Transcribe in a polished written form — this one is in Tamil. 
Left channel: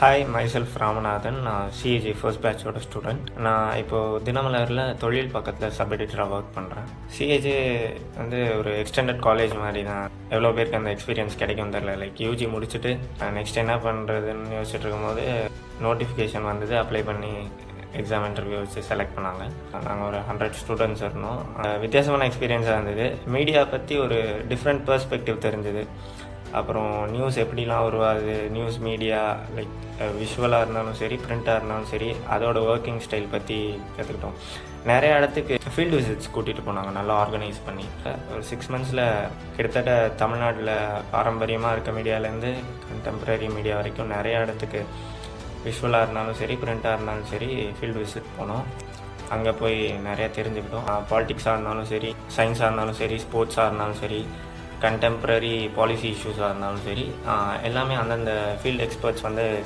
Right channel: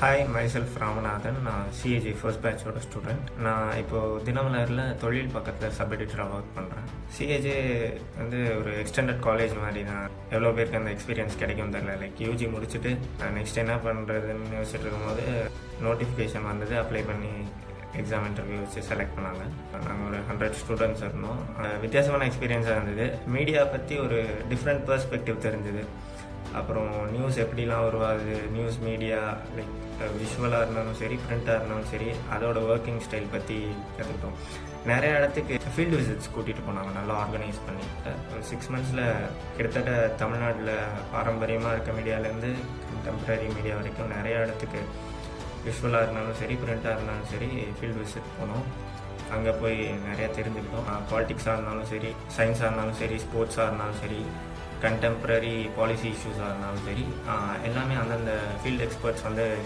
Hi, myself Ramanathan. நான் சிஏஜி ஃபர்ஸ்ட் பேட்சோட ஸ்டூடெண்ட். நான் இப்போது தினமலரில் தொழில் பக்கத்தில் சப் எடிட்டராக ஒர்க் பண்ணுறேன். சிஏஜி வந்து ஒரு எக்ஸ்டெண்டட் காலேஜ் மாதிரி தான். எவ்வளோ பேருக்கு அந்த எக்ஸ்பீரியன்ஸ் கிடைக்கும் தெரியல. லைக் யூஜி முடிச்சுட்டு நெக்ஸ்ட் என்ன பண்ணுறதுன்னு யோசிச்சுட்டு இருக்கும்போது நோட்டிஃபிகேஷன் வந்தது. அப்ளை பண்ணி எக்ஸாம் இன்டர்வியூ வச்சு செலக்ட் பண்ணாங்க. நாங்கள் ஒரு 100 ஸ்டூடெண்ட்ஸ் இருந்தோம். வித்தியாசமான எக்ஸ்பீரியன்ஸாக இருந்தது. மீடியா பற்றி ஒரு டிஃப்ரெண்ட் பெர்ஸ்பெக்டிவ் தெரிஞ்சுது. அப்புறம் நியூஸ் எப்படிலாம் உருவாகுது, நியூஸ் மீடியா லைக் விஷுவலாக இருந்தாலும் சரி, பிரிண்ட்டாக இருந்தாலும் சரி, அதோட ஒர்க்கிங் ஸ்டைல் பற்றி கற்றுக்கிட்டோம். நிறைய இடத்துக்கு ஃபீல்டு விசிட்ஸ் கூட்டிகிட்டு போனாங்க, நல்லா ஆர்கனைஸ் பண்ணி. ஒரு 6 மந்த்ஸில் கிட்டத்தட்ட தமிழ்நாட்டில் பாரம்பரியமாக இருக்க மீடியாவிலேருந்து கண்டெம்பரரி மீடியா வரைக்கும் நிறைய இடத்துக்கு விஷுவலாக இருந்தாலும் சரி, பிரிண்ட்டாக இருந்தாலும் சரி ஃபீல்டு விசிட் போனோம். அங்கே போய் நிறையா தெரிஞ்சுக்கிட்டோம். பாலிட்டிக்ஸாக இருந்தாலும் சரி, சயின்ஸாக இருந்தாலும் சரி, ஸ்போர்ட்ஸாக இருந்தாலும் சரி, கண்டெம்பரரி பாலிசி இஷ்யூஸாக இருந்தாலும் சரி, எல்லாமே அந்தந்த ஃபீல்டு எக்ஸ்பர்ட்ஸ் வந்து